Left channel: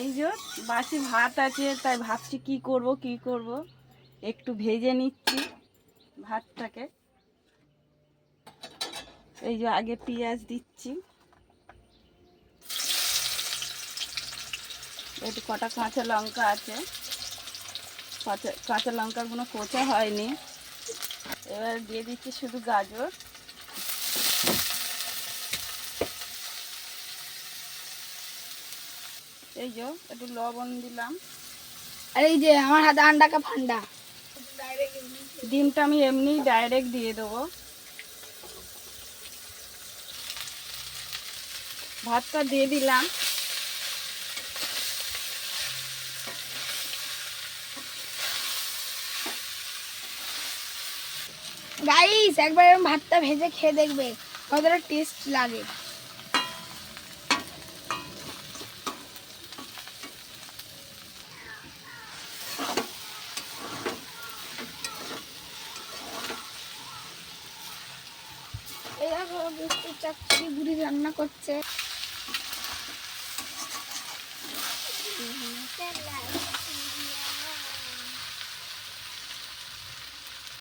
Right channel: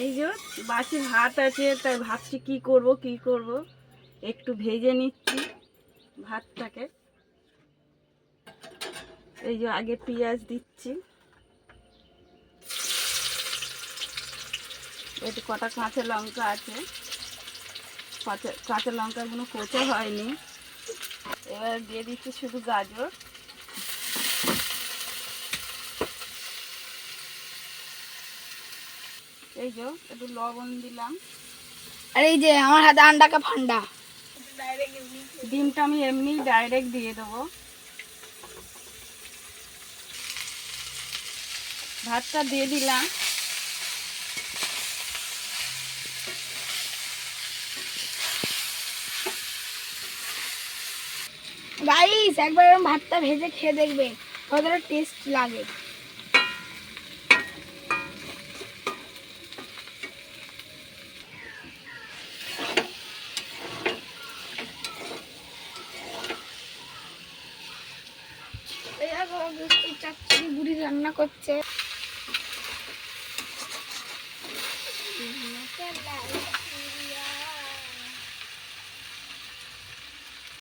এই যে বাসি ভাত আছে, তাই ভাবছি কি করব। একটু ভেজে নিচ্ছি ভাতটাকে। এই যে আগে পেঁয়াজ দিচ্ছি, একটু কটা কাঁচা লঙ্কা আছে, কাঁচা লঙ্কাগুলো কোচা হয়নি। এবার দিয়ে দিচ্ছি শুধু গাজর। এই যে একটু লবণ দিলাম। আর এই যে আমার হাতে আন্ডা কা ফান্ডা, ডিমটা আমি এমনি ডাইরেক্ট দিয়ে দেবো। ভাতটা দিয়ে দিলাম। গাইস একবার এরকম ভাতটা ভেজে খেয়ে দেখবে কতটা টেস্ট লাগে। এই দেখো বৃষ্টির চচ্চড়ি বুড়ি রান্না করছে।